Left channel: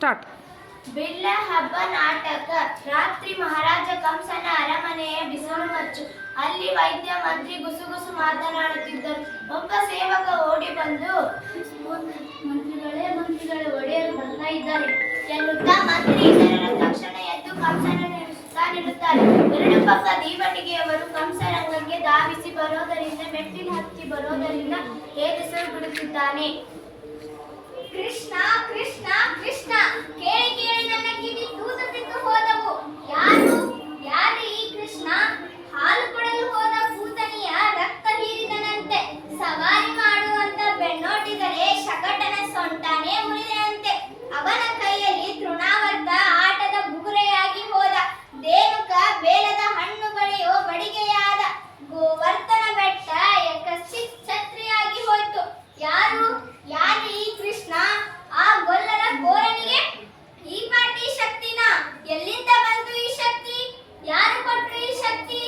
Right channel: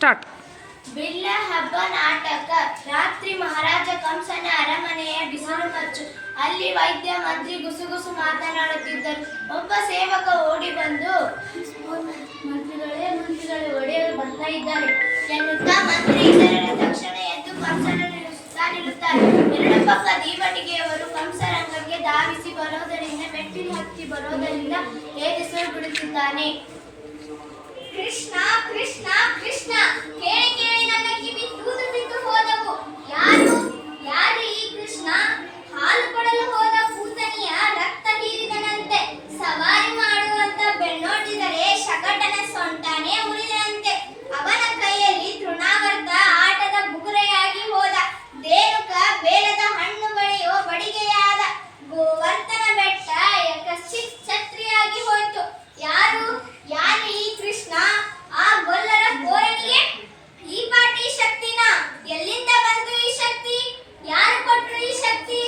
Start. ಬಿಲ್ಲ ಹಬ್ಬ ನಾಟಕ. ರಾತ್ರಿ ಮಹಾರಾಜ ಕಂಸನ ಅರಮನೆಯ ಬಿಸಿಲು ಮಚ್ಚು. ಅಲ್ಲಿ ವೈದ್ಯ ಮಂತ್ರಿ ಗುಸುಗುಸು ಮಾತನಾಡುತ್ತಿದ್ದರು. ಒಬ್ಬ ಸೇವಕ ಓಡಿ ಬಂದು, ಮಂತ್ರಿಗಳೇ ಒಡೆಯಲು ಬರ್ತಾ ಇದ್ದಾರೆ ಎನ್ನುತ್ತಾ ಮಂತ್ರಿ ಇತರರ ತಕ್ಷಣ ಎದ್ದು ಕಂಸನನ್ನು ನಿಲ್ಲಿಸುತ್ತಾರೆ. ಎರಡು ಪಕ್ಕ ದೀವಟಿಗೆಯವರು ಕಂಸರಂಗಕ್ಕೆ ಧಾವಿಸಿ ಬರೋದರಿಂದ ಮೆಟ್ಟಿಲು ಹತ್ತಿ ಬರೋದರಿಂದ ಏದಿಸಲು ಬಿಡುತ್ತಿದ್ದಾನೆ. ಕೃಷ್ಣ ಕೃಷ್ಣ ಕೃಷ್ಣ, ಕೇಳಿ ಕೇಳಿ ನನ್ನ ಕಿವಿ ತೂತು ಬಿದ್ದು ಹೋದವು. ಯಾರು ಈ ಕೃಷ್ಣ? ಹಾಲು ಕೊಡಲು ಹೋದ ಪೂತನಿಯ ರಕ್ತ ಹೀರಿದನಂತೆ. ಸವಾರಿ ಮಾಡುವಂತ ಬೆನ್ನೋಟಿದರೆ ಶಕಟನ ಸೊಂಟನೇ ಮುರಿದಂತೆ. ಅವನ ಕೈಯಲ್ಲಿ ತೃಣಾವರ್ತ ಆಟದ ಬುಗುರೆಯಾಗಿ ಹೋದ. ದೇನುಕ ಬೇಲದ ಹಣ್ಣು ಬೆಳೆಯೋ ಬಡಿಗೆಯಾದ. ಗೋವರ್ಧನ ಬೆಟ್ಟ ಛತ್ರಿಯಾಗಿ ಹೋಯ್ತು. ಯಾರು ಈ ಕೃಷ್ಣ? ಆ ಗೊಲ್ಲರ ಕೋರನಿಗೆ ಈ ಪಾಟಿ ಶಕ್ತಿನ? ಎಲ್ಲಿಂದ ಬಂತು ಈ ಶಕ್ತಿ? ಯಾರು ಕೊಟ್ರು ಈ ಶಕ್ತಿ?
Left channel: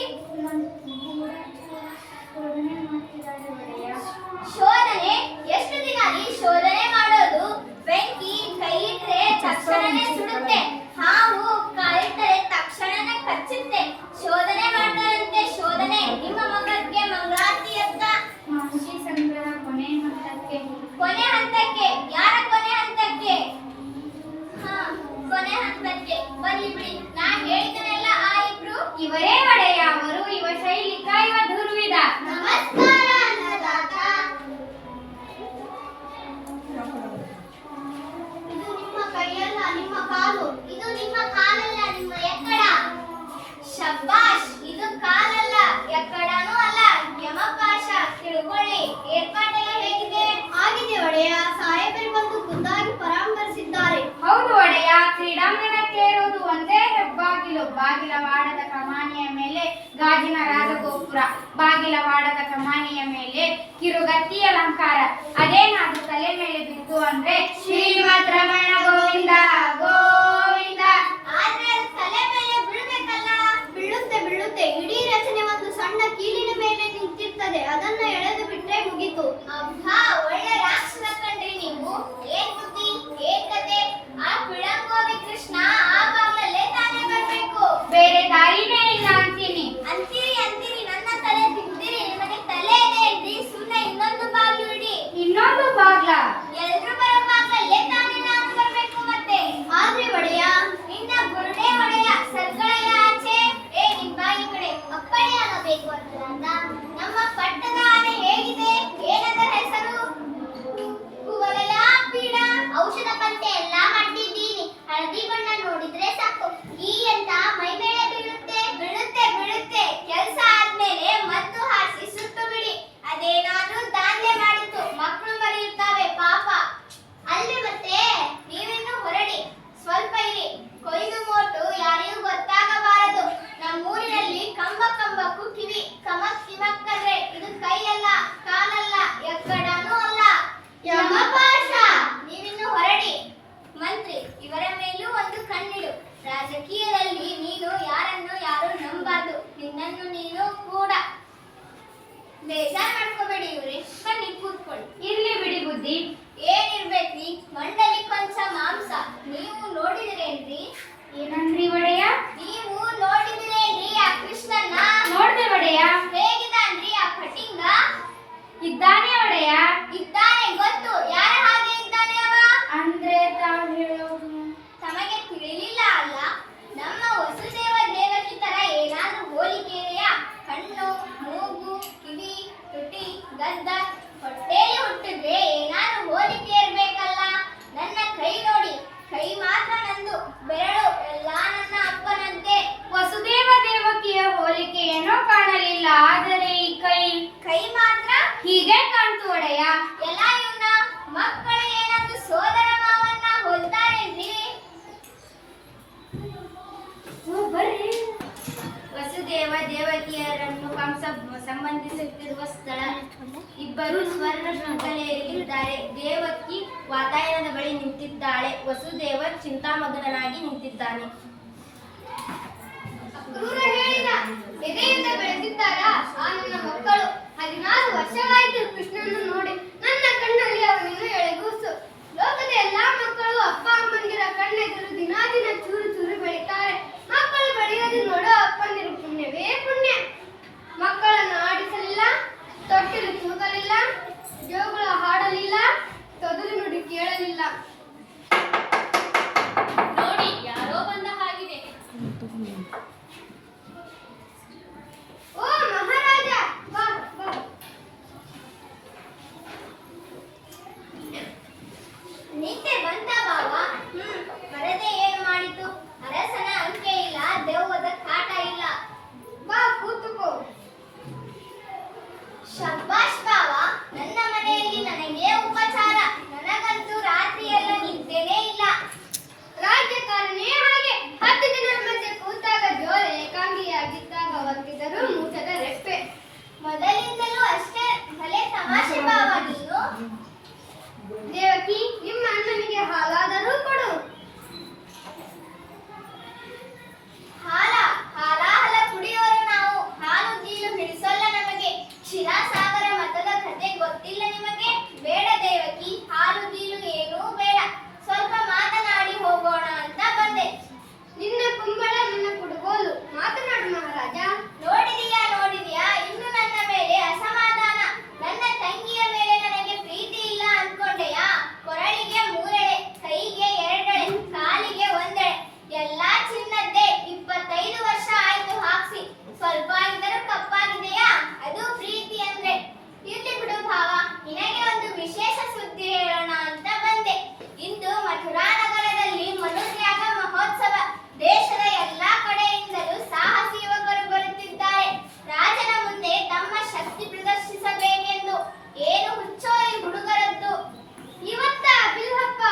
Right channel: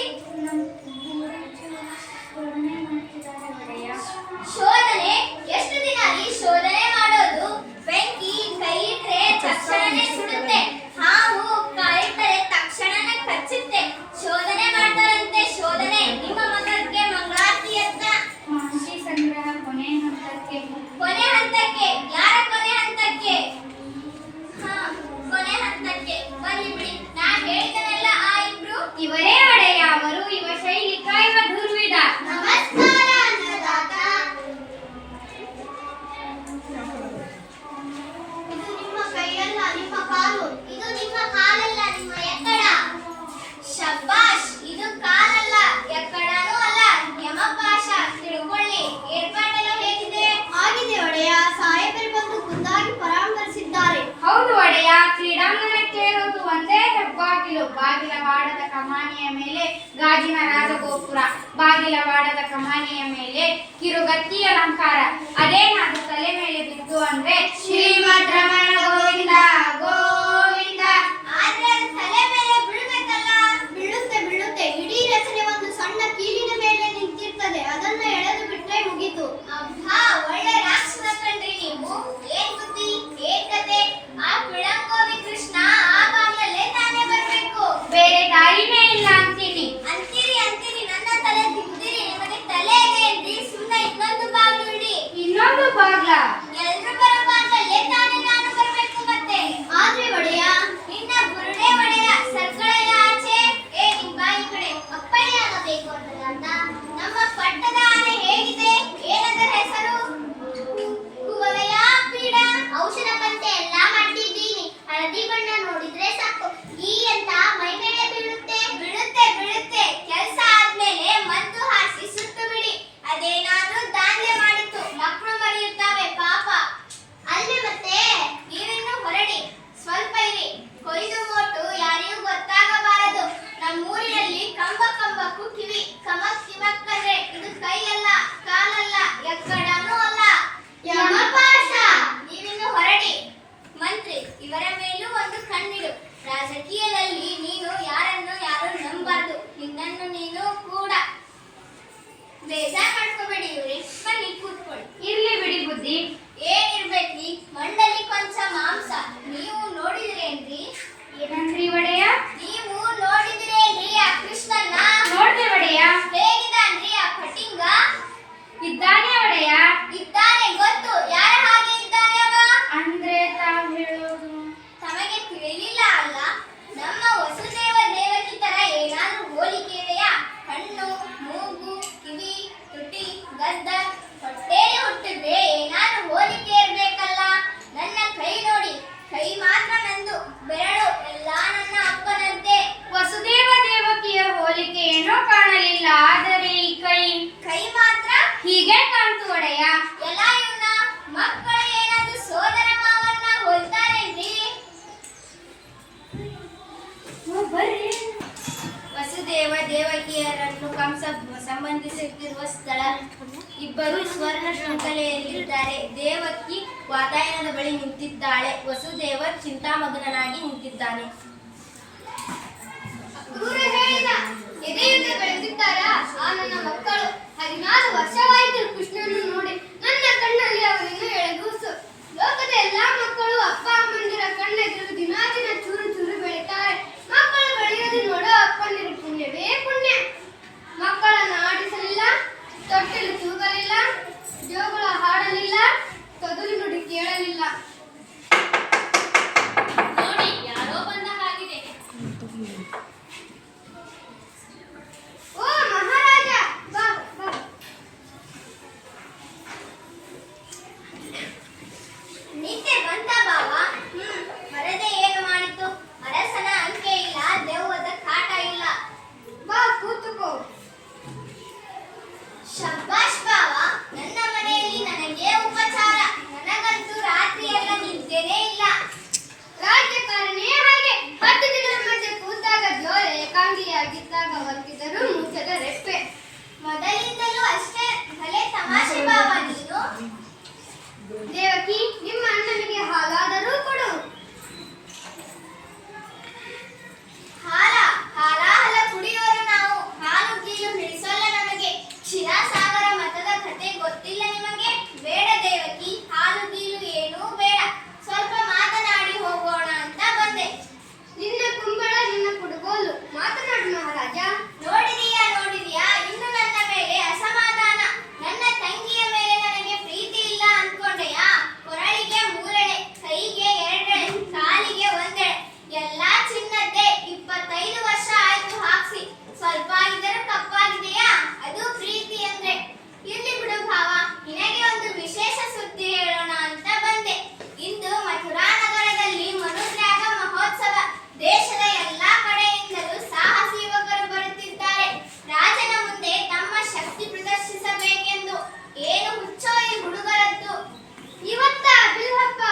ಶೋಧನೆ? ಎಷ್ಟು ದಿನ ಈ ಶೋಧನೆ ಮಾಡೋದು? ಬೆಂಕಿ ಕೈ ಇಟ್ರೆ ತಕ್ಷಣನೇ ಸುಡುತ್ತೆ, ಹಾವು ಕಾಲಿಟ್ಟರೆ ತಕ್ಷಣನೇ ಕಚ್ಚುತ್ತೆ. ಶೋಧನೆ ಮಾಡ್ತಾರಂತೆ ಶೋಧನೆ. ನಿಮ್ಮ ಮಗಕ್ಕೆ ಮಂಗಳಾರತಿ ಅಂತ ಮಹರ್ಷಿ ಸಂಗ್ರಹ ಕೊನೆ ಹಂತಕ್ಕೆ. ಯಾರ ಕೊನೆ ಹಂತಕ್ಕೆ? ಕೊನೆ ಹಂತಕ್ಕೆ ಬನ್ನಿ ಬಿಡಿ. ನಾ ಹೇಳಿದನೆಲ್ಲ ಆ ಇಬ್ರು ಇವರೇ ಒಡೆಯ. ಅವರು ಇವ ಶೈಲಿಕ, ಇವ ದುರ್ವಿಧ. ನಮಸ್ಕಾರ ಅನ್ನದಾತ. ಇದು ನಿಮ್ಮ ಕೈಯಲ್ಲ, ನಿಮ್ಮ ಕಾಲು. ಇದು ನಿಮ್ಮ ಕಾಲಲ್ಲ, ನಿಮ್ಮ ಎಕ್ಕಡ. ಶಬ್ಬಾಷ್, ಇದು ಕಾಲಲ್ಲ, ಎಕ್ಕಡನೂ ಅಲ್ಲ, ಯಮಪಾಶ. ತಿಳ್ಕೊಳ್ಳಿ. ಏರ್ಪಾಟೆಲ್ಲ ಹೇಗಿದೆ? ಆಗಿದೆ ಒಡೆಯ. ಸಾಹೇಬರು ಬಂದು ಖುದ್ದಾಗಿ ಪರಾಮರ್ಶಿಸಿದ್ದಾರೆ. ಹೌದು ಒಡೆಯ. ಕ್ರೀಡಾಂಗಣಕ್ಕೆ ಇರುವುದು ಒಂದೇ ಹೆಬ್ಬಾಗಿಲು. ಬಾಗಿಲವಾಡದ ಕಮಾನಿಯ ಮೇಲೆ ಗಾಜಿನ ರಾಜಗೋಪುರ. ಬಾಗಿಲವಾಡದ ಕಮಾನಿಯ ಮೇಲೆ ಕಿರುಗತ್ತಿ ಅಲಂಕಾರ. ಅದೇನಾದ್ರೂ ತಲೆ ಮೇಲೆ ಬಿದ್ದು ಅಂದ್ರೆ ಶ್ರೀಮದ್ ರಮಣ ಗೋವಿಂದ ಗೋವಿಂದ. ಆದ್ರೆ ಅದು ತಲೆ ಮೇಲೆ ಬೀಳ್ಬೇಕಲ್ಲ? ಬೀಳುತ್ತೆ. ಇಡೀ ರಚನೆ ಒಂದು ಸಣ್ಣ ಕೀಲಿನ ಮೇಲೆ ನಿಂತಿರ್ತದೆ. ಅದನ್ನ ಎಳೆದು ಬಿಟ್ರೆ ಮುಗೀತು. ಅಬ್ಬಾ, ಒಳ್ಳೆ ರಾಕ್ಷಸ ಕಣ್ರಿ ನೀವು. ಏನ್ ಬುದ್ಧಿ, ಏನ್ ಕತೆ? ಆ ಪಿಳಂಗೋವಿ ಕೃಷ್ಣ ಆ ಬಾಗಿಲಲ್ಲೇ ತಾನೇ ಬರ್ಬೇಕು. ಬೇರೆ ದಾರಿನೇ ಇಲ್ಲ ಅಂತೀರಿ. ನನ್ನ ತಲೆ ತಿಂದಿರಿ. ನಿಮಗೆ ತಲೆ ಇದೆ ಏನ್ರಿ? ಸುಮ್ಮನೆ ಇನ್ನೊಂದು ಬಾಗಿಲು ಇಡಿ. ಇನ್ನೊಂದು ಬಾಗ್ಲ? ಎಲ್ರು ಬರೋ ಬಾಗ್ಲಲ್ಲೇ ತಾನೇ ನಾನು ಬರ್ಬೇಕು ಮತ್ತೆ. ಆದ್ರೆ ಒಡೆಯ, ನಿನ್ನ ಬುರುಡೆ ಒಡೆಯ. ಸರ್ಕಳೆಯ ಆಚೆ. ನಿಮ್ ಬಾಯಿ ಕಡೆ ಅಪ್ಪಣೆ ಆಗಬೇಕು ಅನ್ನದಾತ. ನಮ್ಮ ಪಟ್ಟದ ಆನೆ ಹೇಗಿದೆ? ಏನದರ ಹೆಸರು? ಕುವಲಯ ಪೀಡ. ಔಷಧ ಪಂತೆ ಎಲ್ಲ ಮಾಡಿದ್ದೀನಿ. ಹಳದಿ ಬಣ್ಣ ನೋಡಿದ್ರೆ ಸಾಕು ಈ ಅಂತ ಮೈ ಮೇಲೆ ಬೀಳುತ್ತೆ. ಕೆಲಸ ಆದ್ಮೇಲೆ ಮದ್ದು ಹಾಸಿ ಸುಟ್ಟು ಬಿಡಿ. ಅದೇನಾದ್ರೂ ದಾಂಧಲೆ ಮಾಡಿತ್ತು ಮಕ್ಕಳು ಮರೆಯುತ್ತವೆ ಪಾಪ. ಅಲ್ಲೇ ಮತ್ತೆ ನೀವಿನ್ನು ಹೊರಡಿ. ಸ್ವಲ್ಪ ಇರಿ. ಕೊಯ್ದು ಮೋಟು ಯಾರಿಗೂ ಗೊತ್ತಾಗಬಾರದು. ನಮ್ಮೂರಿನಲ್ಲಿ ಕಂಬಕ್ಕೂ ಕಿವಿ. ಕಿಮಕ್ಕಂದ್ರೆ ಇದು ಕೈಯಲ್ಲ, ಕಾಲಲ್ಲ, ಎಕ್ಕಡನೂ ಅಲ್ಲ, ಯಮಪಾಶ. ನೀವಿನ್ನು ಹೊರಡಿ. ಮಂತ್ರಿ, ಇವರ ಮೇಲೂ ಒಂದು ಕಣ್ಣಿಡು. ರಾಜಕೀಯದಲ್ಲಿ ನೀನು ಯಾರು ನಂಬಾರ್ದು. ನಿನ್ನನ್ನು ನೀನು ಕೂಡ. ಬೇಜಾರ್ ಮಾಡ್ಕೋಬೇಡಿ ಇವ್ರಿ. ಬನ್ನಿ ಕೂತ್ಕೊಳ್ಳಿ. ಇರ್ಲಿ ಬಿಡಿ ಬುದ್ಧಿ. ಏನಿರ್ಬೇಕ್ರಿ? ಮಂಡಲಿ ಕೊಂಚ ಮಾಂಸ. ನೀವು ನೋಡಿದ್ರೇನ್ರಿ? ಏನಂದ್ರಿ ಒಡೆಯ? ನೀವು ನೋಡಿದ್ರೇನ್ರಿ ಆ ಕೃಷ್ಣನ್ನ? ನೋಡ್ದೆ ಒಡೆಯ. ಹೇಗಿದ್ದಾನ್ರಿ ಆ ಪಟಿಂಗ? ಇದ್ದಾನೆ ಒಡೆಯ. ಇದ್ದಾನೆ ಗೊತ್ತು. ಯಾರ ಹಾಗೆ ಇದ್ದಾನೆ ಅವ? ಅಂದ್ರೆ ತಾವು ಹೇಳೋದು ತಮಗೆ ತಿಳಿಲಿಲ್ಲ ಅಲ್ಲ? ನಮ್ಮ ವಸುದೇವ ದೇವಕಿ ತರ ಏನಾದ್ರೂ ಹೋಲಿಕೆ ಇದೆಯಾ? ಕಣ್ಣು, ಮೂಗು, ಕಿವಿ, ತುಟಿ, ಗದ್ದ, ಹೊಟ್ಟೆಯಲ್ಲಿ ಹುಟ್ಟಿದ್ರೆ ಏನಾದ್ರೂ ಹೋಲಿಕೆ ಇರ್ಬೇಕಲ್ಲ? ನನ್ನ ಕೈ ನೋಡಿ. ಕೈ ಮಾತ್ರ ನಂದು, ಬೆರಳು ಎಲ್ಲ ನನ್ನ ಅಪ್ಪನಂತೆ. ವಸುದೇವ ದೇವಕಿಯ ಹೋಲಿಕೆ ಏನೋ ಕಾಣಲಿಲ್ಲ. ಆದರೆ ಈ ಕೈ ಮಾತ್ರ ಹೀಗೆ ಕಾಣ್ತು ಒಡೆಯ. ಎಲ್ಲ ಇವನ ಮಕ್ಕಳು ಏನಾದ್ರೂ ಸೋದರ ಮಾವನ್ನ ಹೋಲ್ತಾರೇನ್ರಿ? ಬರ್ರಿ. ವಸುದೇವ ದೇವಕಿಯರನ್ನು ಕಂಸ ಸಂಬಂಧಿಸುತ್ತಿರುವ ಸ್ಥಳ. ಇಬ್ಬರು ಸ್ವರ್ಣ ಶೃಂಖಲೆಯಲ್ಲಿದ್ದಾರೆ. ದೇವಕಿ ವಾತಾಯನದ ಬಳಿ ನಿಂತಿದ್ದಾಳೆ. ವಸುದೇವ ಚಿಂತಾಮಗ್ನನಾಗಿ ನಿಂತಿದ್ದಾನೆ. ಎದೆಯಿಂದ ಬೆಳೆದಿದ್ದಾರ ಆ ನನ್ನ ಮಕ್ಕಳು. 16 ವರ್ಷವಾಯಿತು ಕೃಷ್ಣನನ್ನು ನೋಡಿ. ನನ್ನ ಕಣ್ಣಲ್ಲಿ ಅವನಿನ್ನು ಎಳೆಗೂಸು. ಲೋಕದ ಎಲ್ಲಾ ಮಕ್ಕಳು ಅಪ್ಪ ಅಮ್ಮಂದಿರ ಕಣ್ಣು ರಾಜ್ಯಕಾರನೇ ಹಾಗೆ 10 ದಿನದ ಮಧ್ಯೆ ಕೂತಾಗ ಜೋರ ಏಕಾಂಗಿಯಾಗಿದ್ದಾಗ ಒತ್ತಿದರು ಮುಚ್ಚದ ರೆಪ್ಪೆ. ಮೊದಲಿಂದಲೂ ಅಷ್ಟೇ ಭಲೆ ತಮಾಷೆ ಭಾವ ನೀನು. ದೇವಕಿ, ನಿಮ್ಮ ಅಣ್ಣನಿಗೆ ಹಾಲಾದರೂ ಕೊಡು. ಹಾಲ ಕುಡಿಯೋರು ನಾವು. ಹಾಲು ಗೀಲು ಹಿಡಿಸೋಲ್ಲ ನಮಗೆ. ಕ್ಷೀರಸಾಗರ ಮತದ ಕತೆ ಗೊತ್ತಿಲ್ಲ ನಿಮಗೆ? ಬೇಡ ದೇವಕಿ, ಹಾಲು ಗೀಲು ಏನೂ ಬೇಡ. ಸ್ವಲ್ಪ ಮಾತನಾಡಿ ಹೋಗೋಣ ಅಂತ ಬಂದೆ. ನಿನ್ನ ಕುಂಬಳ ನಿನ್ನ ಕುಡುಗೋಲು. ಮಾತನಾಡು ಮಹಾರಾಜ. ನೋಡಿದೀಯಾ ಇನ್ನು ನನ್ನ ಮೇಲೆ ಅಸಮಾಧಾನ. ನನ್ನ ತಂಗಿಯ ಮೇಲೆ ನನಗೆ ಪ್ರೀತಿ ಇಲ್ಲ ಅನ್ಕೊಂಡೆಯಾ? ಕೊರಳಿಗೆ 3 ಎಳೆ, ಕೈಗೆ 2 ಎಳೆ, ಕಾಲಿಗೆ 1 ಎಳೆ, ಎಲ್ಲಾ ಚಿನ್ನದ್ದೇ. 25 ವರ್ಷ ಆಯ್ತು ಹಾಕ್ಸಿ. ಸ್ವಲ್ಪ ಆಗಿದ್ದರೂ ಕಪ್ಪಾಗಿದೆಯಾ? ಅದು ಪ್ರೀತಿ ಅಂದ್ರೆ. ಇರ್ಲಿ ಬಿಡು ಭಾವ, ನಿನಗೆ ಒಂದು ವಿಶೇಷ ಸುದ್ದಿ ಹೇಳೋಣ ಅಂತ ಬಂದೆ. ಇಂದು ಮಥುರಾ ನಗರದಲ್ಲಿ ಮನುತ್ಯಾಗ ಮಹೋತ್ಸವ. ದೇಶದ ಎಲ್ಲಾ ಕಡೆಯಿಂದಲೂ ಸಾಹಸಿ ಯುವಕರು ಬರುತ್ತಿದ್ದಾರೆ ರಾಜನ ಮುಂದೆ ತಮ್ಮ ಶಕ್ತಿ ಪ್ರದರ್ಶಿಸಬೇಕೆಂದು. ಏನು ಹುಚ್ಚೋ ಈ ಹುಡುಗರದ್ದು. ಇವತ್ತ ಬಿಲ್ಹಪ್ಪ?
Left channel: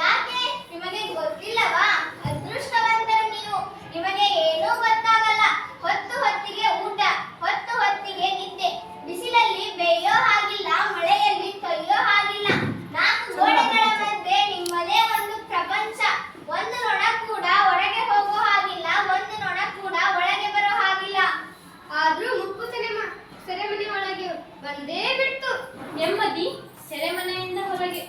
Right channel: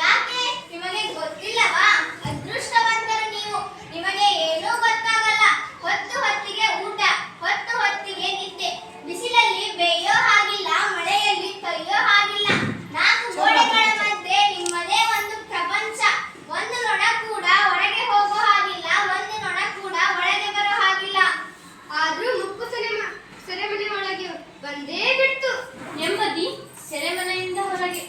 ಯಾಕೆ, ನಿಮಗೆ ಗೊತ್ತಿಲ್ಲವಾ? ಅದೃಷ್ಟವಂತರು ನೀವು. ನಿಮಗೆ ಏನೂ ಗೊತ್ತಾಗಲ್ಲ. ಹೊತ್ತಿಗೆ ಊಟ, ಹೊತ್ತಿಗೆ ನಿದ್ದೆ. ಬಿಸಿಲಲ್ಲಿ ಬೇಯೋ ಹಾಗಿಲ್ಲ, ಮಳೆಯಲ್ಲಿ ಕೈಯೋ ಹಾಗಿಲ್ಲ. 4 ಗೋಡೆಗಳ ಮಧ್ಯೆ ನಿಮ್ಮದೇ ಒಂದು ಪ್ರಪಂಚ. ಒಂದು ನೊಣ ಕೂಡ ಹೊರಗೆ ಹೋಗೋ ಹಾಗಿಲ್ಲ, ಒಂದು ನೊಣ ಕೂಡ ಒಳಗೆ ಬರೋ ಹಾಗಿಲ್ಲ. ಆದ್ರೂ ಮುಕ್ಕು ಸೆರೆಮನೆ ಒಳಗೆ ಬಂದೇ ಬಿಡ್ತು. ನೆಮ್ಮದಿ ಸೆರೆಮನೆಯಿಂದ ಹೊರಗೆ.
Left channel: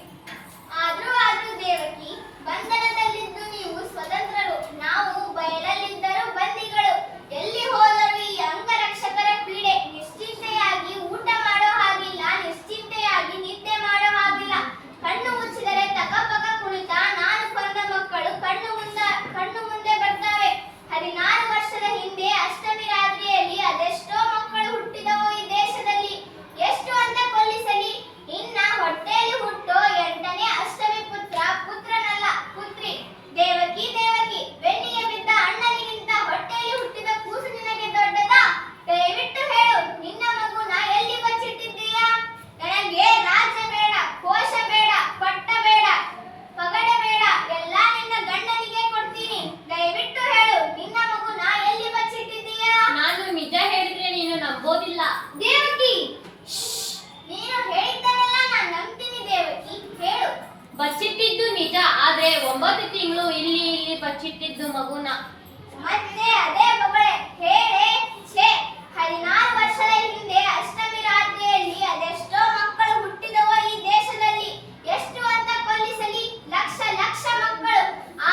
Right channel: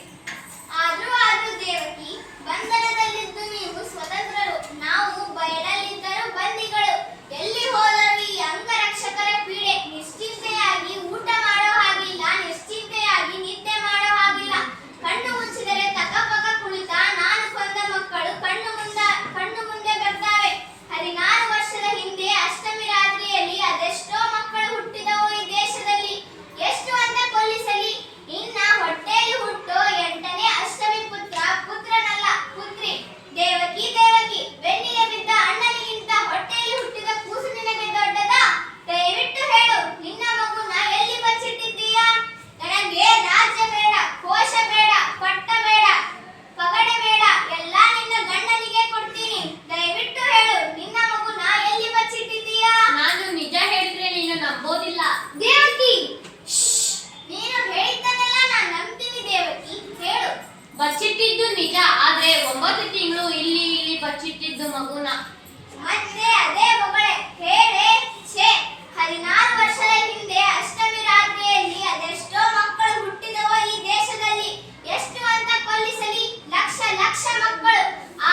ಆದ್ರೂ ದೇವಕಿ, ಬಂಧನದಲ್ಲಿದ್ದು ನೀವು ಸ್ವತಂತ್ರರು, ನಾವು ಬಯಲಲ್ಲಿದ್ದರೂ ಬಂದಿಗಳು. ಎಲ್ಲಿ ಹೋದರೂ ಈ ಅಂಗರಕ್ಷಕರ ಪೀಡೆ. ನಿಶ್ಚಿಂತೆಯಾಗಿ ಊಟ ಮಾಡೋ ಹಾಗಿಲ್ಲ, ನಿಶ್ಚಿಂತೆಯಾಗಿ ನಿದ್ದೆ ಮಾಡೋ ಹಾಗಿಲ್ಲ. ಕಣ್ಣು ಮುಚ್ಚಿದರೆ ತಕಪಕ ಕುಳಿತ ನಾನು ಕೊಂದ ಮಕ್ಕಳು ಕಣ್ಣು ಮುಂದೆ ಬರ್ತಾವೆ. 16 ವರ್ಷದ ಹಿಂದೆ ಅಷ್ಟಮಿ ರಾತ್ರಿಯಲ್ಲಿ ಅದೆಷ್ಟೋ ಮಕ್ಕಳು ಹುಟ್ಟಿದವು ಈ ದೇಶದಲ್ಲಿ. ಎಷ್ಟು ಅಂತ ಕೊಲ್ಲಿಸಲಿ. ಇನ್ನ ಹೊಟ್ಟೆಯಲ್ಲಿ ಹುಟ್ಟೋ 8ನೇ ಅಷ್ಟಮಿ ಪುತ್ರನಲ್ಲ ಪುತ್ರಿ. ದೇವಕಿ, ಬೆನ್ನಿಗೆ ಬಿದ್ದ ಅಣ್ಣನಿಗಿಂತ ಹೊಟ್ಟೆಯಲ್ಲಿ ಹುಟ್ಟಿದ ಕೂಸು ನಿನಗೆ ದೊಡ್ಡದಾ? ದಯವಿಟ್ಟು ಹೇಳು, ನಿನ್ನ ಮಗುನ ಎಲ್ಲಿ ಬಚ್ಚಿಟ್ಟಿದ್ದೀಯಾ? ನನಗೆ ರಾಜ್ಯ ಬೇಡ, ಕೋಶ ಬೇಡ, ಪಟ್ಟ ಬೇಡ, ಪಗಡೆ ಬೇಡ, ಎಲ್ಲ ನಿನ್ನ ಗಂಡನಿಗೆ ಕೊಡ್ತೀನಿ. ದಯವಿಟ್ಟು ಹೇಳು, ನಿನ್ನ ಮಗುನ ಎಲ್ಲಿ ಬಚ್ಚಿಟ್ಟಿದ್ದೀಯಾ? ನಾನು ನಿಜ ಹೇಳಿದ್ರೆ ನೀನು ನಂಬೋದಿಲ್ಲ. ದೇವಕಿ, ನೀನು ಹೇಳಿದ್ದನ್ನೆಲ್ಲ ನಾನು ನಂಬ್ತೀನಿ. ದೇವಕಿ, ಹೇಳು. ಬಚ್ಚಿಟ್ಟಿದ್ದು ನಿಜ, ಆದ್ರೆ 9 ತಿಂಗಳು ಇಲ್ಲಿ ಬಚ್ಚಿಟ್ಟಿದ್ದು ಮಗುನ. ಮತ್ತೆ ಅದೇ ಮಗಳೇ ಹೇಳೇ. 16 ವರ್ಷದ ಹಿಂದೆ ಅಷ್ಟಮಿ ರಾತ್ರಿಯಲ್ಲಿ ಅದೆಷ್ಟೋ ಮಕ್ಕಳು ಹುಟ್ಟಿದವೋ ಈ ದೇಶದಲ್ಲಿ. ಎಷ್ಟು ಅಂತ ಕೊಲ್ಲಿಸಲಿ? ಲಕ್ಷ ಮಕ್ಕಳು.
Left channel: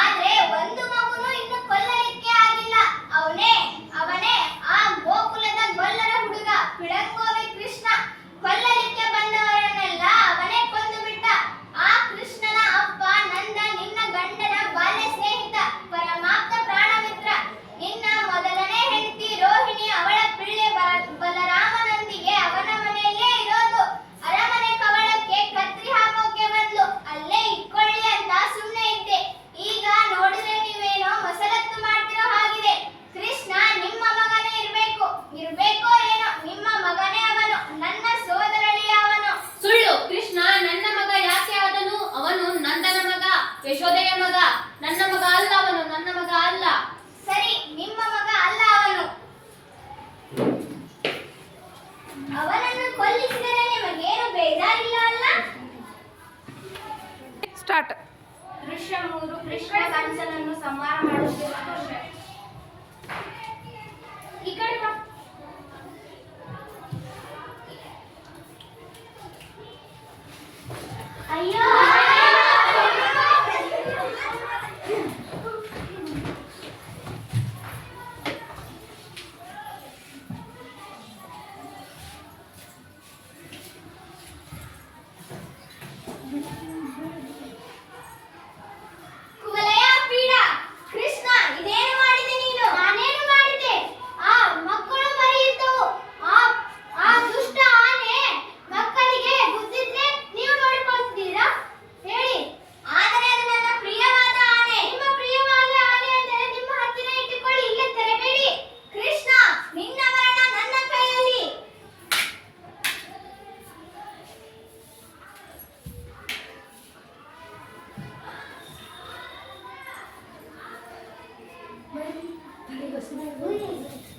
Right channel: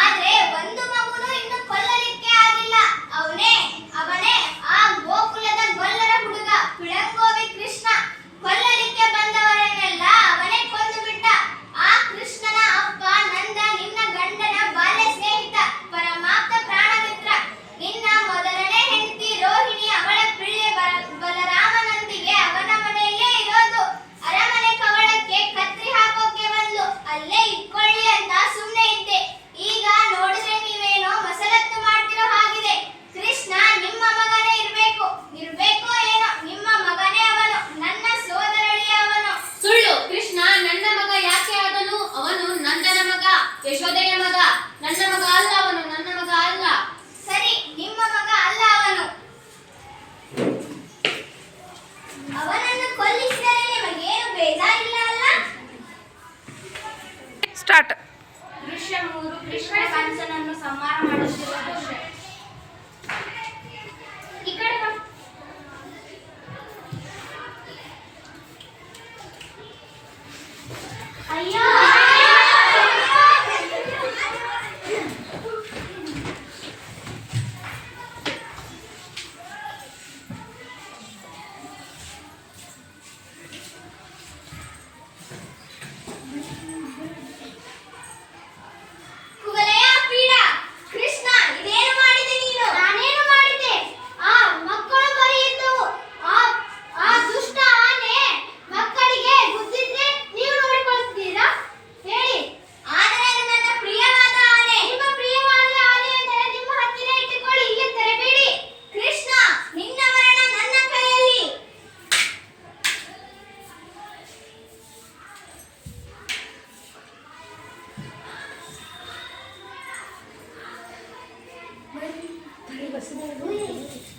ಆದ್ರೆ ಒಂದು ಮಗುನು ಇನ್ನು ಕೊಲ್ಲಲಿಕ್ಕೆ ಆಗಿಲ್ಲ. ಅವನೇ ಆ ಗೋಕುಲದ ಗೊಲ್ಲರ ಹುಡುಗ ಪಿಳಂಗೋವಿ ಕೃಷ್ಣ. ಕೊಲ್ಲಲಿಕ್ಕೆ ಬಂದವರನ್ನೆಲ್ಲ ಅವನೇ ಕೊಂದು ಬಿಟ್ಟ. ಆ ಕೃಷ್ಣನ ಅಪ್ಪ ನಂದ, ನಿನ್ನ ಗಂಡನ ಬಾಲ್ಯ ಸ್ನೇಹಿತ, ಪರಮಾಪ್ತ ಪ್ರಾಣಮಿತ್ರ. ನಿನ್ನ ಮೊದಲನೇ ಹೆಂಡತಿ ರೋಹಿಣಿ, ಅವಳ ಪಿಳ್ಳೆ ಬಲರಾಮನೊಂದಿಗೆ ಅವನ ಮನೆಯಲ್ಲೇ ಇರೋದು. ಅರಮನೆ ಕವಳಕ್ಕೆ ಕತ್ರಿ ಹಾಕೋಕೆ ಬಂದ್ಲು. ಅಲ್ಲೇ ಇಟ್ಕೊಳ್ಳಿ ಅಂತ ಸುಮ್ಮನೆ ಇದ್ದೆ. ಈಗ ನೋಡಿದ್ರೆ ನೀವೇನೋ ಮಸಲತ್ತು ಮಾಡ್ತಿರೋ ಹಾಗಿದೆ. ಕೃಷ್ಣ ನಿಮ್ಮ ಮಗನೇ ಇರ್ಬೇಕೋ ಏನೋ. ನಿಮ್ಮ ಮಗನೇ ಅವನು. ನನ್ನ ಸೋದರಳಿಯ ಅವನು. ಸುಳ್ಳು. ಕೃಷ್ಣ ನನ್ನ ಮಗ ಯಾಕೆ ಆದನು? ಅವನು ನಂದನ ಮಗ, ಯಶೋದೆಯ ಮಗ. ನನ್ನ ಮಗ ಅಲ್ಲ ಅವನು, ನನ್ನ ಮಗ ಅಲ್ಲ. ಸರಿ, ನಿಮ್ಮ ಮಗ ಅಲ್ಲ ಅವನು. ಅವನನ್ನು ಕೊಲ್ಲಿಸಿದರೆ ನಿಮಗೇನು ಬೇಜಾರಿಲ್ಲ ಅಲ್ಲ? ಸ್ಟಾರ್ಟ್. ದೃಶ್ಯ 3. ಕೃಷ್ಣ ಕಂಸನನ್ನು ಸಂಹಾರ ಮಾಡುತ್ತಿರುವ ದೃಶ್ಯ. ಈ ಕಡೆ ಬಾ. ಅಯ್ಯೋ, ಕುವಲಯ ಪೀಡ. ಕೃಷ್ಣ, ಇದೇನು ಮಾಡಿದೆ ನೀನು? ನಾನೇನು ಮಾಡಿದೆ? ಆ ಮಕ್ಕಳು ಬರೀ ಇದ್ದವು. ಆ ದುಷ್ಟ ಆನೆ ಮಕ್ಕಳಿಗೆ ಗುದ್ದಿದ್ರೆ ನೀವು ನೋಡಿಕೊಳ್ತೀರಾ? ಹೇಳಿ. ಆದರೆ ಅದು ನನ್ನ ಪ್ರಿಯವಾದ ಆನೆ. ನಿಮ್ಮ ಪ್ರಿಯವಾದ ಬನ್ನಿ, ಬನ್ನಿ, ಬಸ್ಸಿನಲ್ಲಿ